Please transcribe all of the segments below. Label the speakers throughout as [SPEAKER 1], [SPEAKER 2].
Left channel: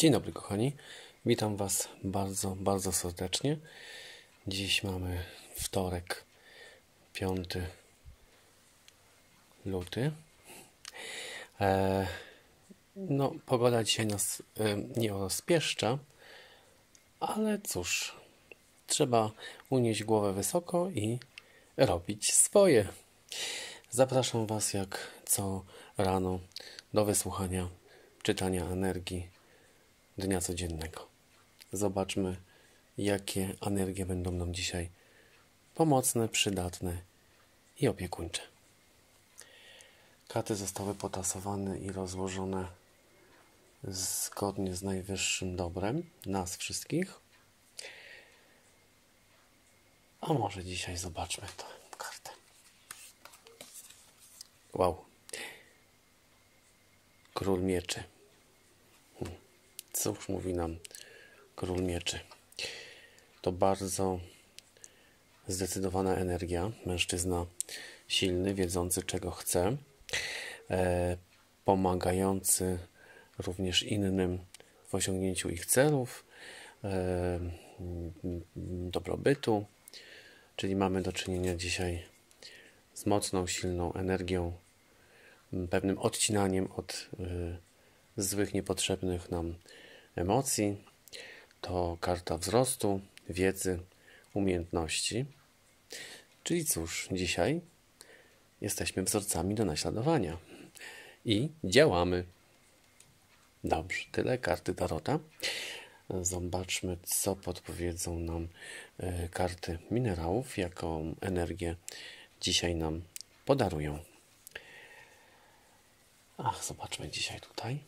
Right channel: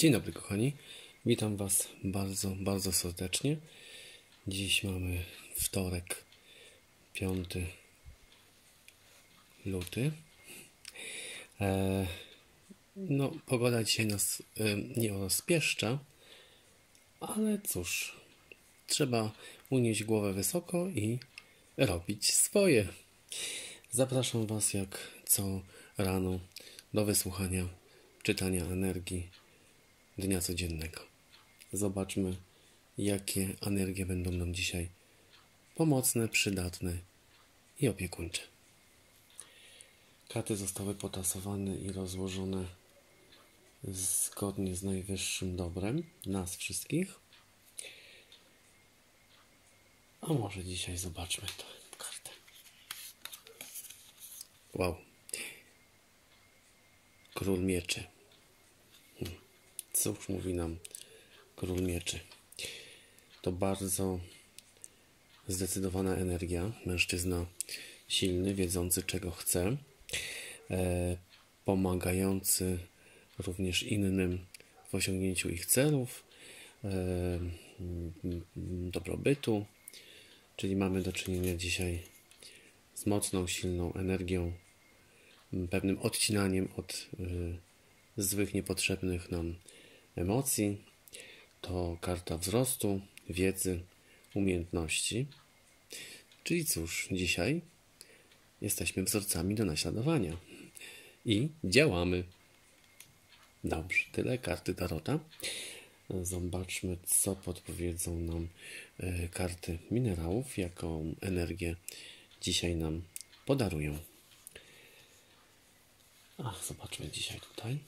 [SPEAKER 1] Dzień dobry, kochani. Witam Was bardzo, bardzo serdecznie. Dziś mamy wtorek, 5 luty. E, no, pogoda dzisiaj nas e, nie rozpieszcza, ale cóż, trzeba unieść głowę wysoko i robić swoje. Zapraszam Was jak co rano do wysłuchania czytania energii dnia codziennego. Zobaczmy, jakie energie będą nam dzisiaj pomocne, przydatne i opiekuńcze. Karty zostały potasowane i rozłożone zgodnie z najwyższym dobrem nas wszystkich. A może dzisiaj zobaczmy tę kartę. Wow. Król mieczy. Cóż mówi nam król mieczy? To bardzo zdecydowana energia. Mężczyzna silny, wiedzący czego chce, e, pomagający również innym w osiągnięciu ich celów, e, dobrobytu. Czyli mamy do czynienia dzisiaj z mocną, silną energią, pewnym odcinaniem od y, złych, niepotrzebnych nam emocji. To karta wzrostu, wiedzy, umiejętności. Czyli cóż, dzisiaj jesteśmy wzorcami do naśladowania i działamy. Dobrze, tyle karty Tarota. Zobaczmy, co podpowiedzą nam y, karty minerałów, jaką energię dzisiaj nam podarują. Ach, zobaczmy dzisiaj tutaj.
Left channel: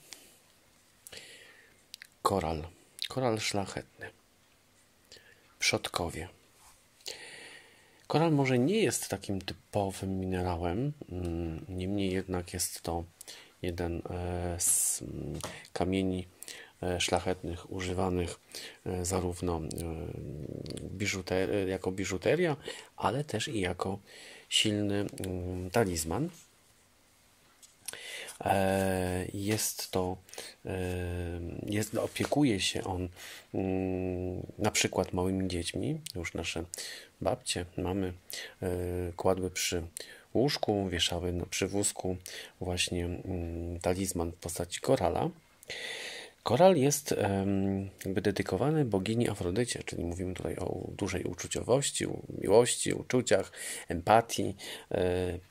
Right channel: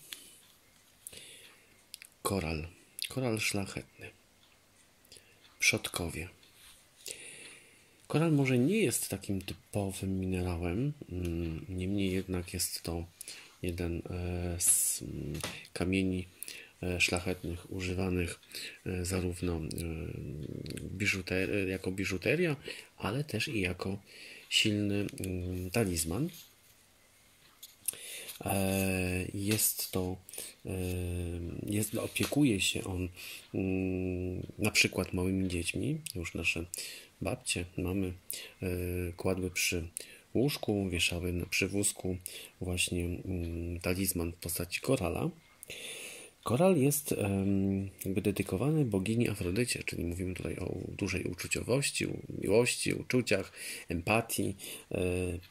[SPEAKER 1] Koral. Koral szlachetny. Przodkowie. Koral może nie jest takim typowym minerałem, mm, niemniej jednak jest to jeden e, z mm, kamieni e, szlachetnych używanych e, zarówno biżuter jako biżuteria, ale też i jako silny mm, talizman. E, jest to, e, jest, opiekuje się on mm, na przykład małymi dziećmi. Już nasze babcie, mamy e, kładły przy łóżku, wieszały na przywózku właśnie mm, talizman w postaci korala. Koral jest jakby dedykowany bogini Afrodycie, czyli mówimy tutaj o dużej uczuciowości, miłości, uczuciach, empatii,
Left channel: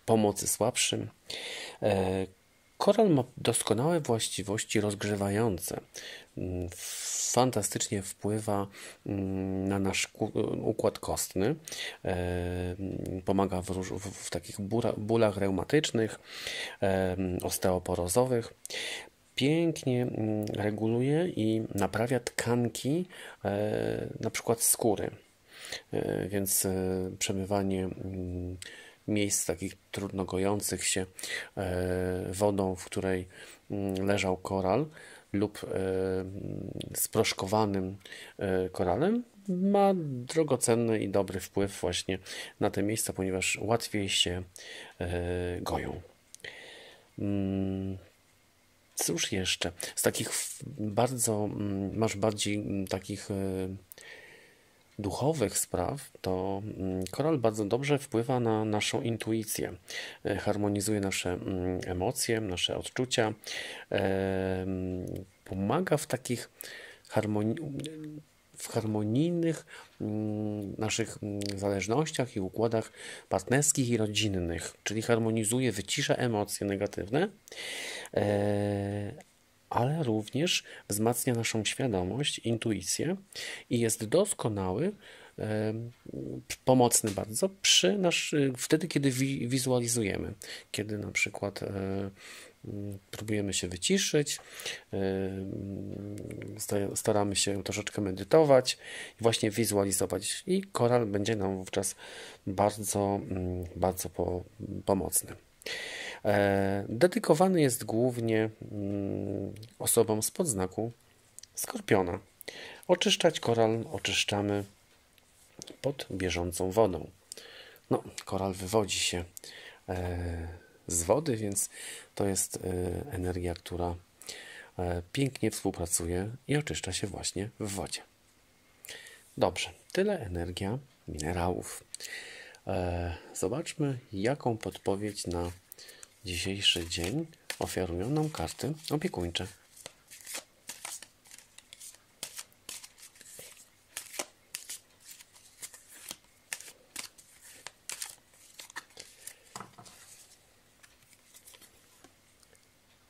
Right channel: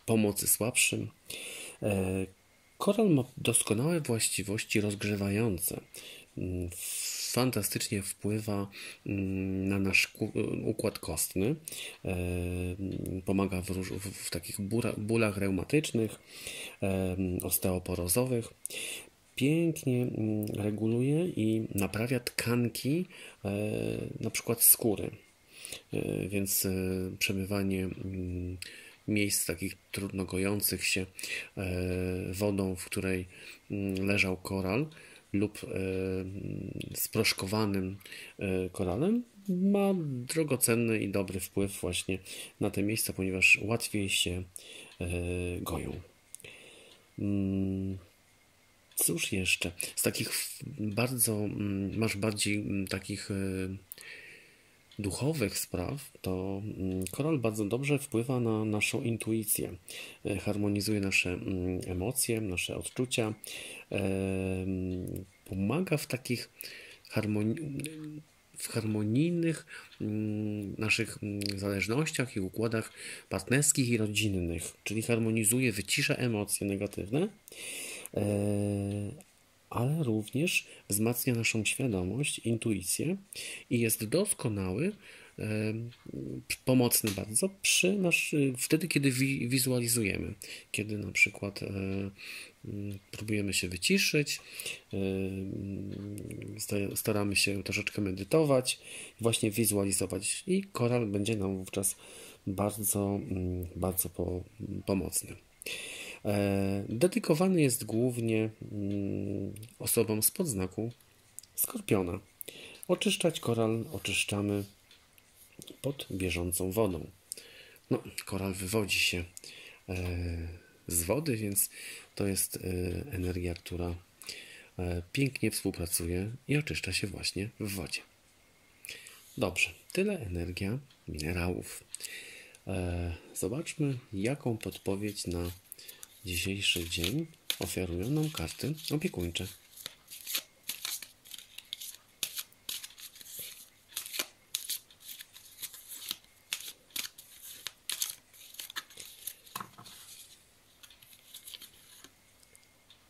[SPEAKER 1] pomocy słabszym. Koral ma doskonałe właściwości rozgrzewające. Mm, fantastycznie wpływa mm, na nasz układ kostny. E, pomaga w, w takich bólach reumatycznych, e, osteoporozowych pięknie mm, reguluje i naprawia tkanki, e, na przykład skóry. Więc przemywanie miejsc takich trudno gojących się e, wodą, w której mm, leżał koral lub e, sproszkowanym e, koralem ma drogocenny i dobry wpływ właśnie na te miejsca, ponieważ łatwiej się goją. Mm, cóż jeszcze? Z takich bardzo, mm, masz bardziej takich duchowych spraw, to mm, koral bardzo dobrze wpływa na naszą intuicję, e, harmonizuje nasze mm, emocje, nasze odczucia, pomaga w takich harmonii, w harmonijnych mm, naszych zależnościach i układach partnerskich i rodzinnych, czyli harmonizuje, wycisza emocje negatywne, e, ale również wzmacnia naszą świadomość, intuicję i jest doskonały, pomocny bardzo przy nasz, wtedy, kiedy wizualizujemy, kiedy na przykład e, próbujemy się wyciszyć, staramy się troszeczkę medytować właśnie wizualizować i koral będzie nam wówczas bardzo, bardzo pomocny. E, dedykowany jest głównie mm, osobom spod znaku skorpiona. Oczyszczać koral oczyszczamy pod bieżącą wodą. No, koral wywodzi się e, z wody, więc to jest e, energia, która pięknie współpracuje i oczyszcza się właśnie w wodzie. Dobrze, tyle energia minerałów. Zobaczmy, jaką podpowiedź na dzisiejszy dzień oferują nam karty opiekuńcze.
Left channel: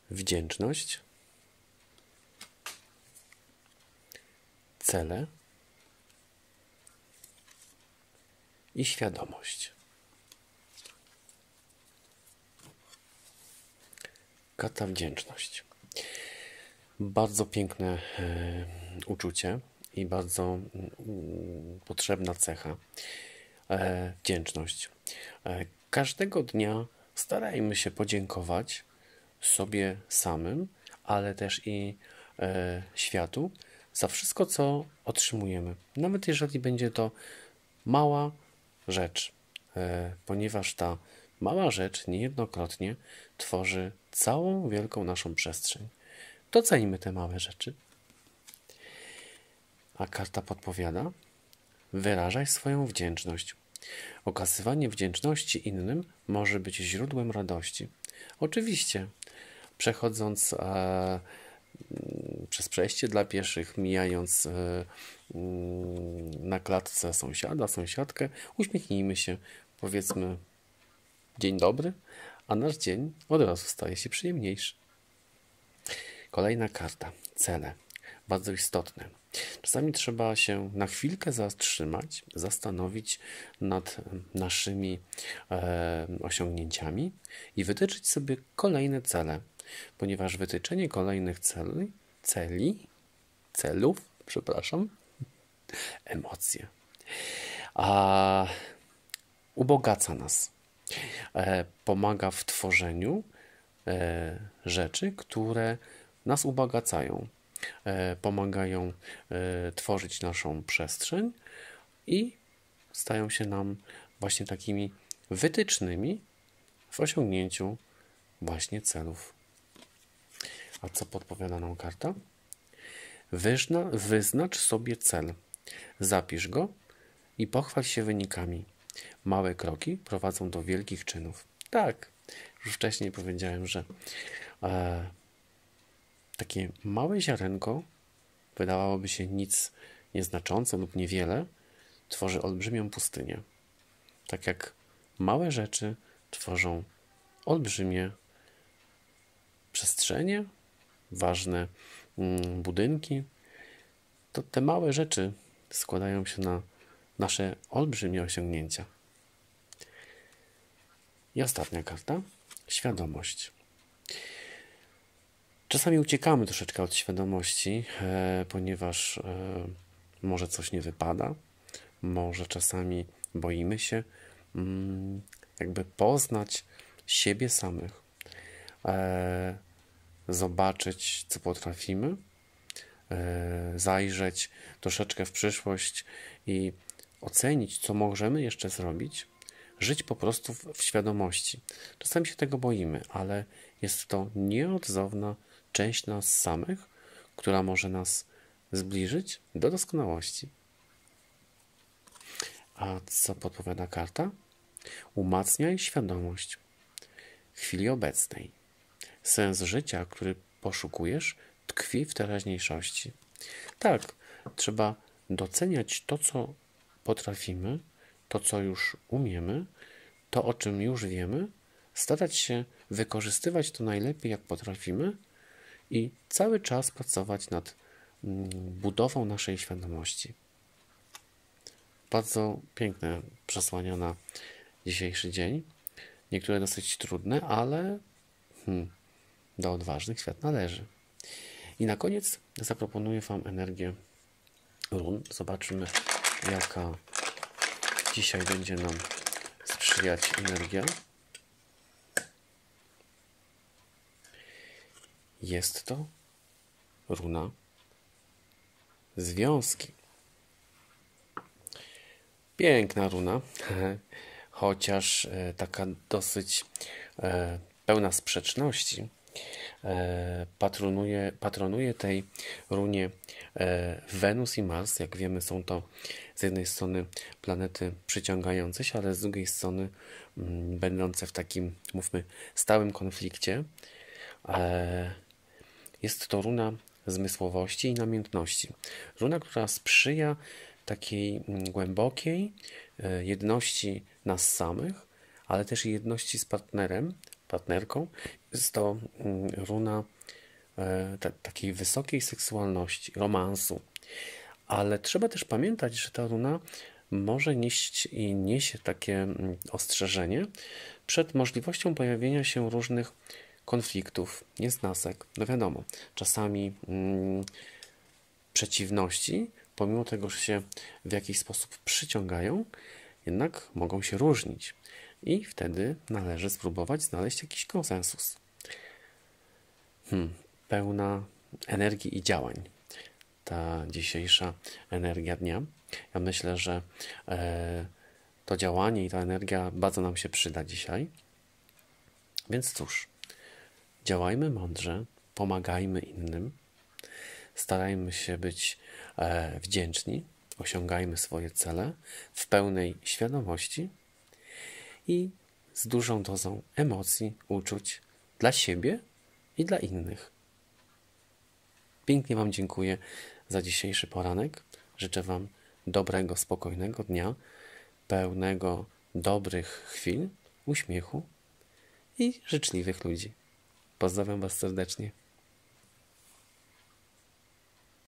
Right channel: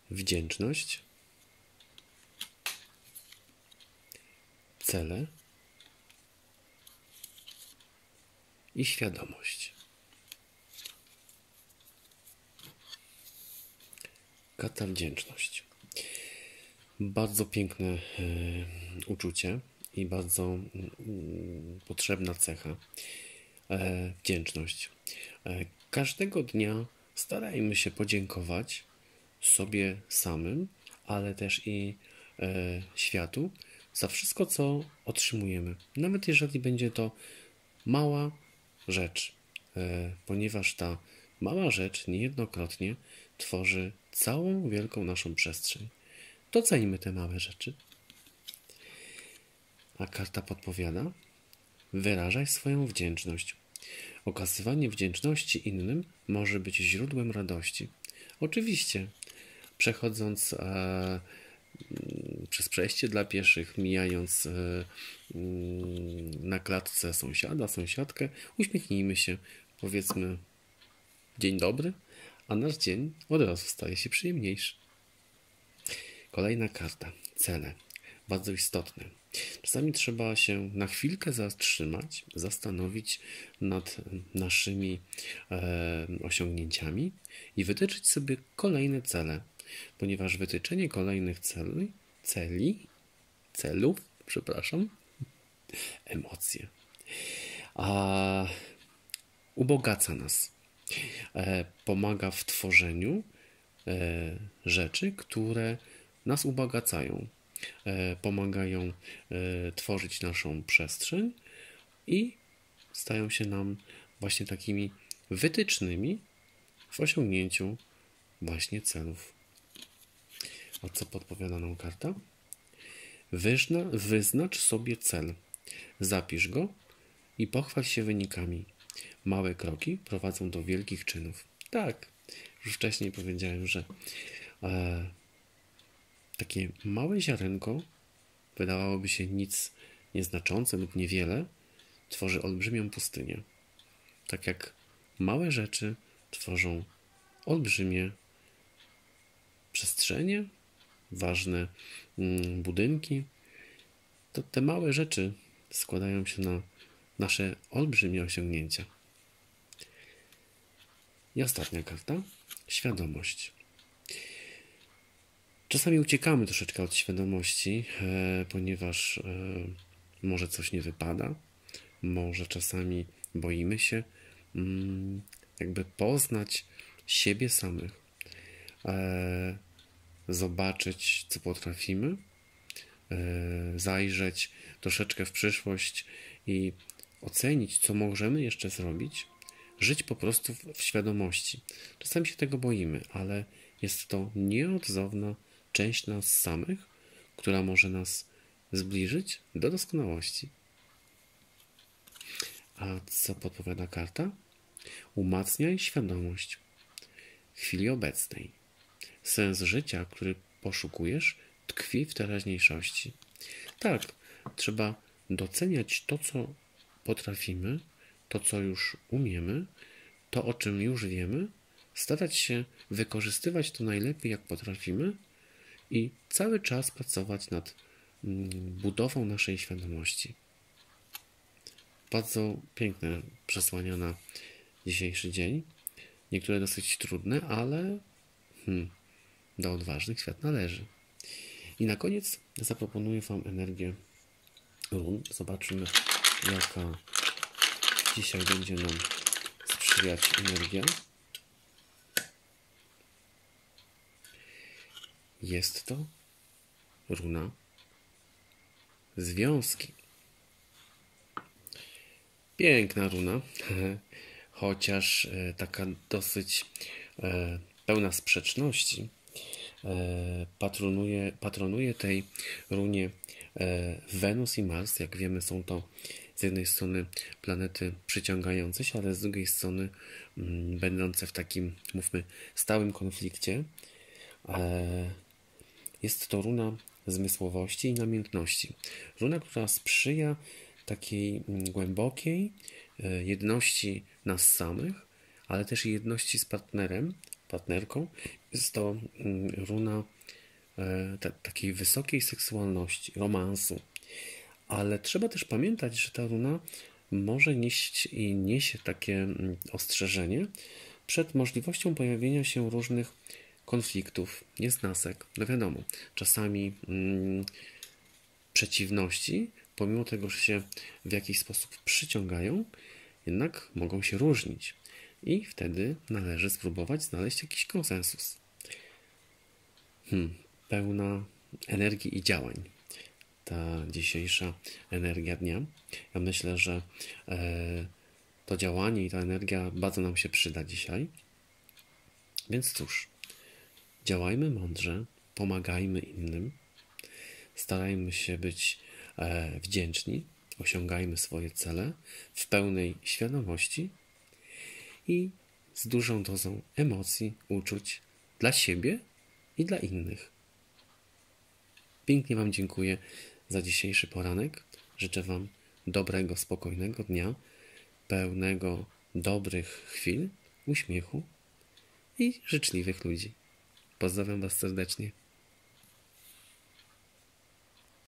[SPEAKER 1] Wdzięczność, cele i świadomość. Kata wdzięczność. Bardzo piękne e, uczucie i bardzo mm, potrzebna cecha. E, wdzięczność. E, każdego dnia starajmy się podziękować sobie samym, ale też i światu za wszystko, co otrzymujemy. Nawet jeżeli będzie to mała rzecz, ponieważ ta mała rzecz niejednokrotnie tworzy całą wielką naszą przestrzeń. Docenimy te małe rzeczy. A karta podpowiada: wyrażaj swoją wdzięczność. Okazywanie wdzięczności innym może być źródłem radości. Oczywiście, przechodząc e, przez przejście dla pieszych, mijając e, mm, na klatce sąsiada, sąsiadkę, uśmiechnijmy się, powiedzmy dzień dobry, a nasz dzień od razu staje się przyjemniejszy. Kolejna karta. Cele. Bardzo istotne. Czasami trzeba się na chwilkę zatrzymać, zastanowić nad naszymi e, osiągnięciami i wytyczyć sobie kolejne cele, ponieważ wytyczenie kolejnych celi, celi celów, przepraszam, emocje, a ubogaca nas. E, pomaga w tworzeniu e, rzeczy, które nas ubogacają, e, pomagają tworzyć naszą przestrzeń i stają się nam właśnie takimi wytycznymi w osiągnięciu właśnie celów. A co podpowiada nam karta? Wyzna, wyznacz sobie cel, zapisz go i pochwal się wynikami. Małe kroki prowadzą do wielkich czynów. Tak, już wcześniej powiedziałem, że e, takie małe ziarenko, wydawałoby się nic nieznaczące lub niewiele, tworzy olbrzymią pustynię. Tak jak małe rzeczy tworzą olbrzymie przestrzenie, ważne mm, budynki, to te małe rzeczy składają się na nasze olbrzymie osiągnięcia. I ostatnia karta. Świadomość. Czasami uciekamy troszeczkę od świadomości, e, ponieważ e, może coś nie wypada, może czasami boimy się mm, jakby poznać siebie samych, e, zobaczyć, co potrafimy, zajrzeć troszeczkę w przyszłość i ocenić, co możemy jeszcze zrobić, żyć po prostu w świadomości. Czasami się tego boimy, ale jest to nieodzowna część nas samych, która może nas zbliżyć do doskonałości. A co podpowiada karta? Umacniaj świadomość w chwili obecnej. Sens życia, który poszukujesz, tkwi w teraźniejszości. Tak, trzeba doceniać to, co potrafimy, to, co już umiemy, to, o czym już wiemy, starać się wykorzystywać to najlepiej, jak potrafimy i cały czas pracować nad mm, budową naszej świadomości. Bardzo piękne przesłania na dzisiejszy dzień. Niektóre dosyć trudne, ale hmm, do odważnych świat należy. I na koniec zaproponuję Wam energię run. Zobaczymy, jaka dzisiaj będzie nam sprzyjać energia. Jest to runa związki. Piękna runa, chociaż e, taka dosyć e, pełna sprzeczności, E, patronuje, patronuje tej runie Wenus i Mars. Jak wiemy, są to z jednej strony planety przyciągające się, ale z drugiej strony mm, będące w takim, mówmy, stałym konflikcie. E, jest to runa zmysłowości i namiętności. Runa, która sprzyja takiej mm, głębokiej jedności nas samych, ale też jedności z partnerem, partnerką. Jest to mm, runa e, takiej wysokiej seksualności, romansu. Ale trzeba też pamiętać, że ta runa może nieść i niesie takie mm, ostrzeżenie przed możliwością pojawienia się różnych konfliktów, niesnasek. No wiadomo, czasami mm, przeciwności, pomimo tego, że się w jakiś sposób przyciągają, jednak mogą się różnić i wtedy należy spróbować znaleźć jakiś konsensus. Hmm, pełna energii i działań. Ta dzisiejsza energia dnia. Ja myślę, że e, to działanie i ta energia bardzo nam się przyda dzisiaj. Więc cóż, działajmy mądrze, pomagajmy innym, starajmy się być e, wdzięczni, osiągajmy swoje cele w pełnej świadomości i z dużą dozą emocji, uczuć dla siebie i dla innych. Pięknie Wam dziękuję za dzisiejszy poranek. Życzę Wam dobrego, spokojnego dnia, pełnego dobrych chwil, uśmiechu i życzliwych ludzi. Pozdrawiam Was serdecznie.